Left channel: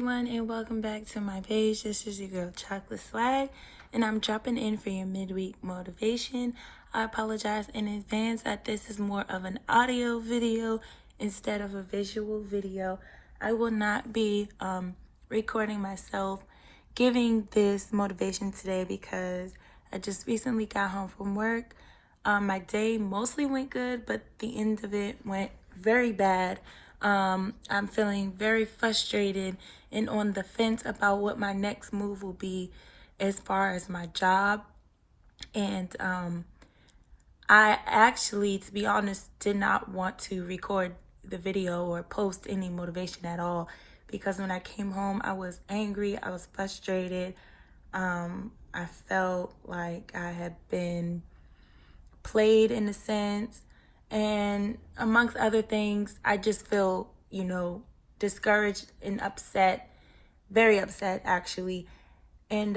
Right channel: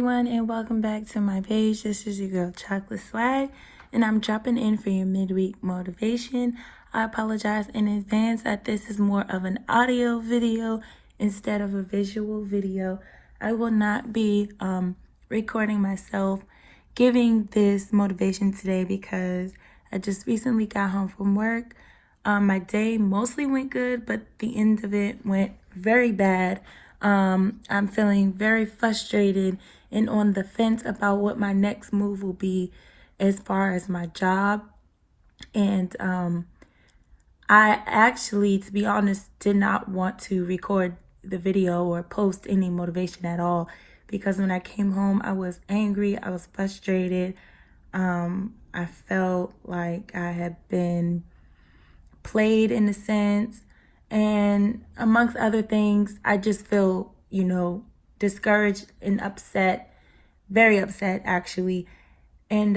everyone, and welcome back to my page. This is your girl Chocolate Swag, and I'm dropping in for your midweek motivation. I apologize in advance that this is more of an audio video instead of a visual video. I will not be recording myself giving this motivation today because I just recently got home from work. My day mostly went good, but the end of it went very bad. I'm feeling very frustrated and on the fence about what my next move will be as far as my job. And I actually, to be honest, did not want to record the video or post any motivation at all because when I came home, I was angry, I was frustrated. I felt like I had been played in a sense. And amongst other things, I just feel, discouraged and upset, very upset actually. And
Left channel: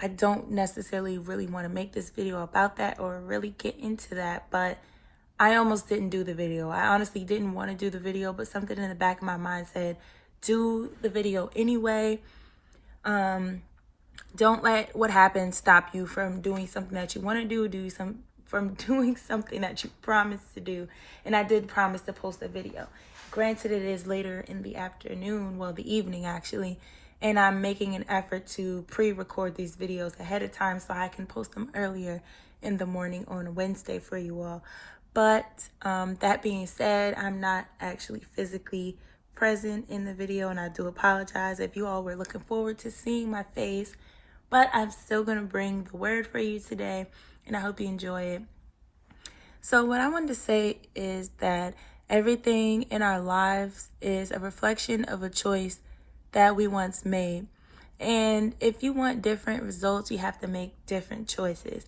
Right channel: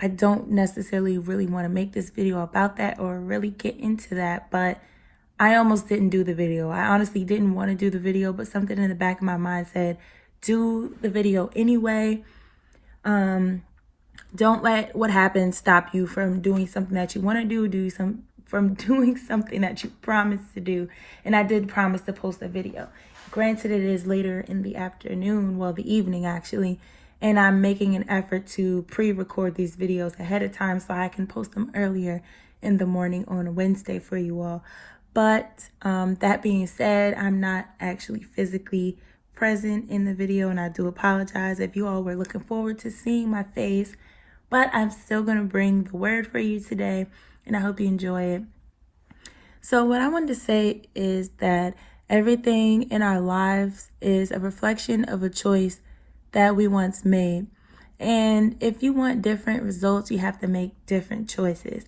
I don't necessarily really want to make this video about that or really get into that, but I almost didn't do the video. I honestly didn't want to do the video, but something in the back of my mind said, do the video anyway. Don't let what happened stop you from doing something that you want to do, from doing something that you promised to do. And I did promise to post a video. Granted, it is later in the afternoon, well, the evening actually, and I'm making an effort to pre-record these videos ahead of time so I can post them earlier in the morning on Wednesday for you all. But that being said, I'm not actually physically present in the video, and I do apologize if you all were looking forward to seeing my face, but I'm still going to bring the word for you today, and I hope you enjoy it. So what I wanted to say is that everything in our lives is a reflection of a choice that we once made. And if you want different results, you have to make different choices.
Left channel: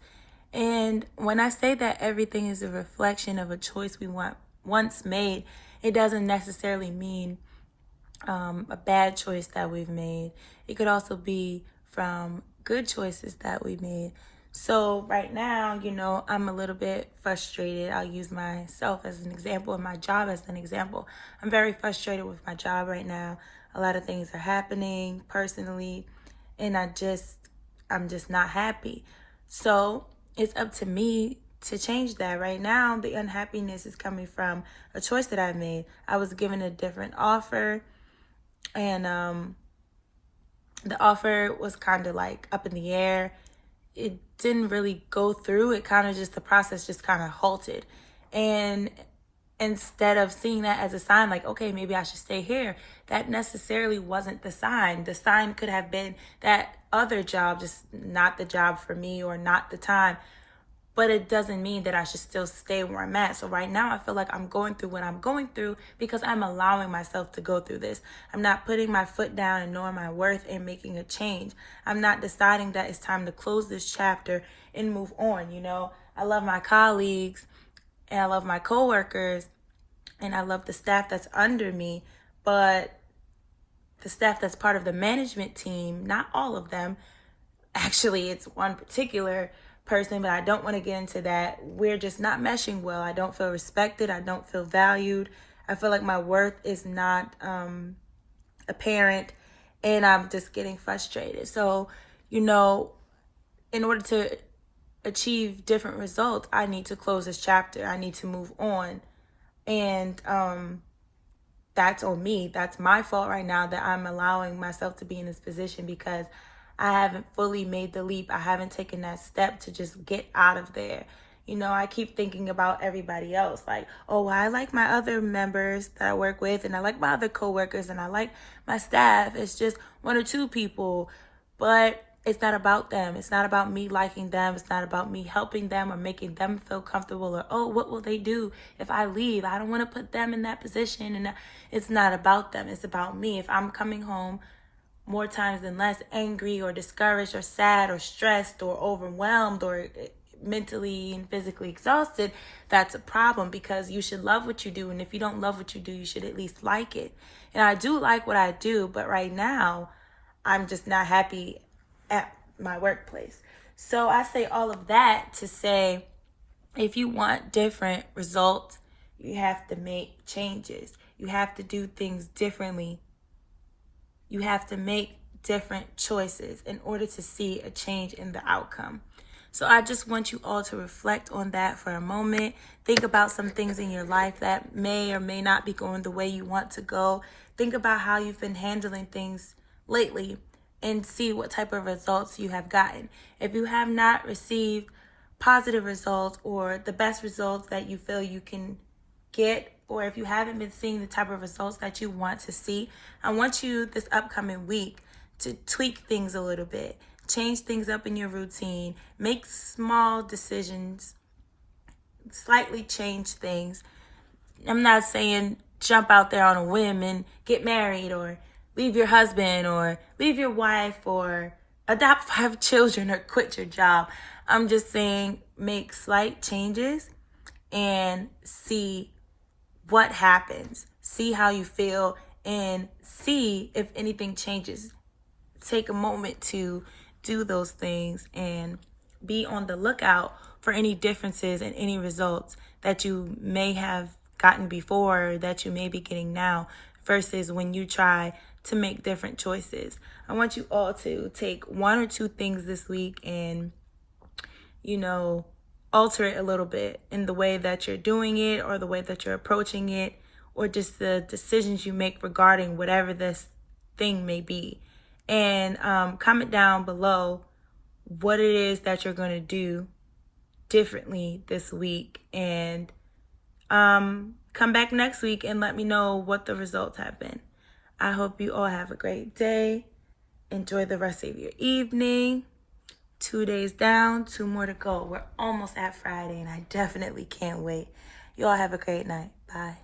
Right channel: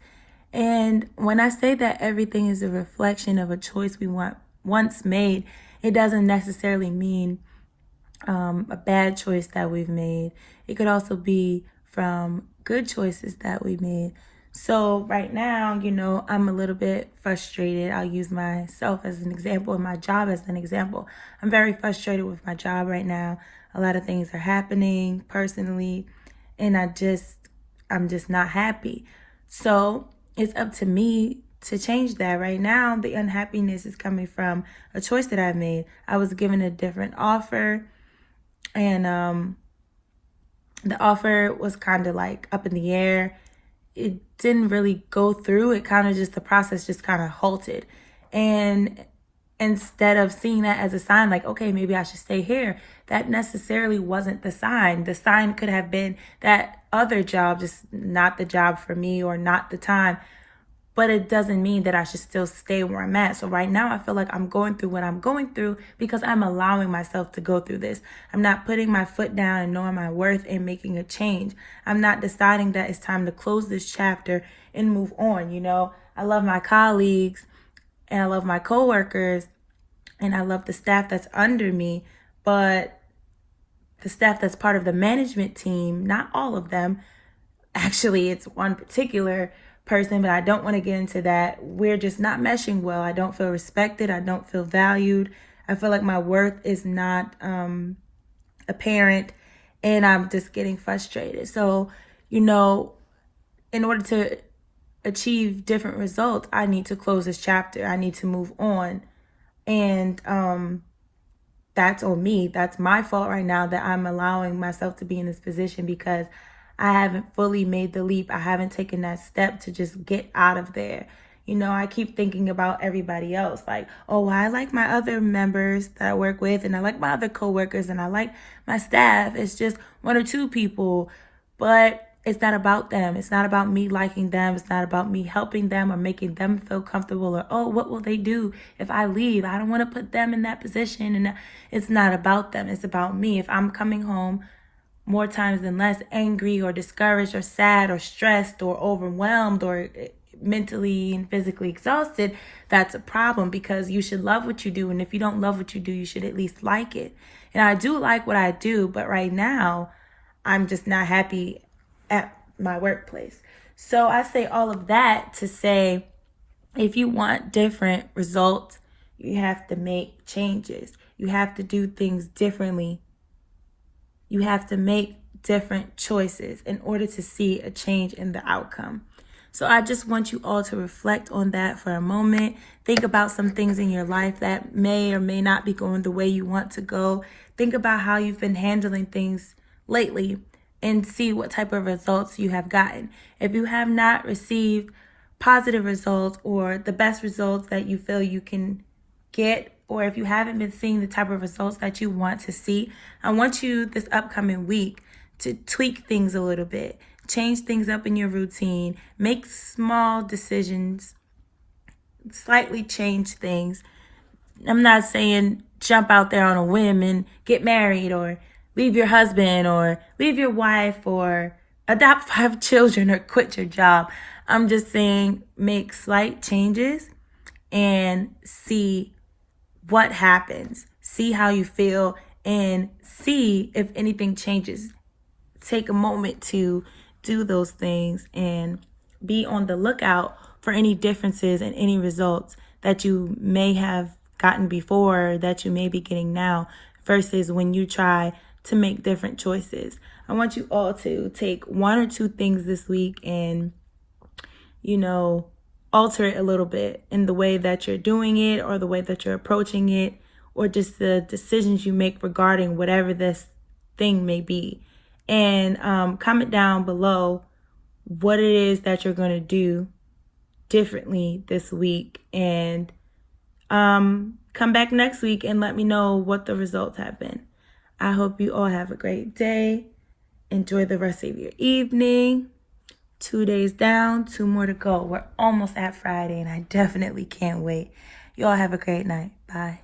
And when I say that everything is a reflection of a choice we once made, it doesn't necessarily mean a bad choice that we've made. It could also be from good choices that we made. So right now, I'm a little bit frustrated. I'll use myself as an example and my job as an example. I'm very frustrated with my job right now. A lot of things are happening personally, and I'm just not happy. So it's up to me to change that. Right now, the unhappiness is coming from a choice that I made. I was given a different offer, and the offer was kind of like up in the air. It didn't really go through. The process just kind of halted. And instead of seeing that as a sign, like, okay, maybe I should stay here, that necessarily wasn't the sign. The sign could have been that other job, just not the job for me or not the time. But it doesn't mean that I should still stay where I'm at. So right now I feel like I'm going through what I'm going through because I'm allowing myself to go through this. I'm not putting my foot down and knowing my worth and making a change. I'm not deciding that it's time to close this chapter and move on. I love my colleagues and I love my coworkers and I love the staff that's under me, but the staff that's part of the management team, not all of them. Actually, it's one particular person, but I don't want to get into that. We're just not meshing well. I don't feel respected. I don't feel valued. I feel like my worth is not apparent, and I'm just getting frustrated. So, in order to achieve different results, I need to close this chapter. I need to move on. And that's on me. That's my fault right now that I'm allowing myself to be in this position because I haven't fully made the leap. I haven't taken that step to just get out of there. I keep thinking about everybody else. Like, oh, I like my other members that I work with, and I like my other coworkers, and I like my staff. It's just one or two people, but it's not about them. It's not about me liking them. It's not about me helping them or making them feel comfortable or, oh, what will they do if I leave? I don't want to put them in that position. And it's not about them. It's about me. If I'm coming home more times than less angry or discouraged or sad or stressed or overwhelmed or mentally and physically exhausted, that's a problem because you should love what you do. And if you don't love what you do, you should at least like it. And I do like what I do, but right now I'm just not happy at my workplace. So I say all of that to say, if you want different results, you have to make changes. You have to do things differently You have to make different choices in order to see a change in the outcome. So I just want you all to reflect on that for a moment. Think about some things in your life that may or may not be going the way you want to go. Think about how you've been handling things lately and see what type of results you have gotten. If you have not received positive results or the best results that you feel you can get, or if you haven't been seeing the type of results that you want to see, I want you this upcoming week to tweak things a little bit, change things up in your routine, make small decisions, slightly change things. I'm not saying jump out there on a whim and get married or leave your husband or leave your wife or adopt 5 children or quit your job. I'm just saying make slight changes and see what happens. See how you feel and see if anything changes. Take a moment to do those things and be on the lookout for any differences and any results that you may have gotten before, that you may be getting now, versus when you try to make different choices. I want you all to take 1 or 2 things this week and, alter it a little bit in the way that you're doing it or the way that you're approaching it, or just the decisions you make regarding whatever this thing may be. And comment down below what it is that you're going to do differently this week. And come back next week and let me know what the results have been. I hope you all have a great day. Enjoy the rest of your evening. 2 days down, 2 more to go. We're almost at Friday, and I definitely can't wait. You all have a great night. Bye.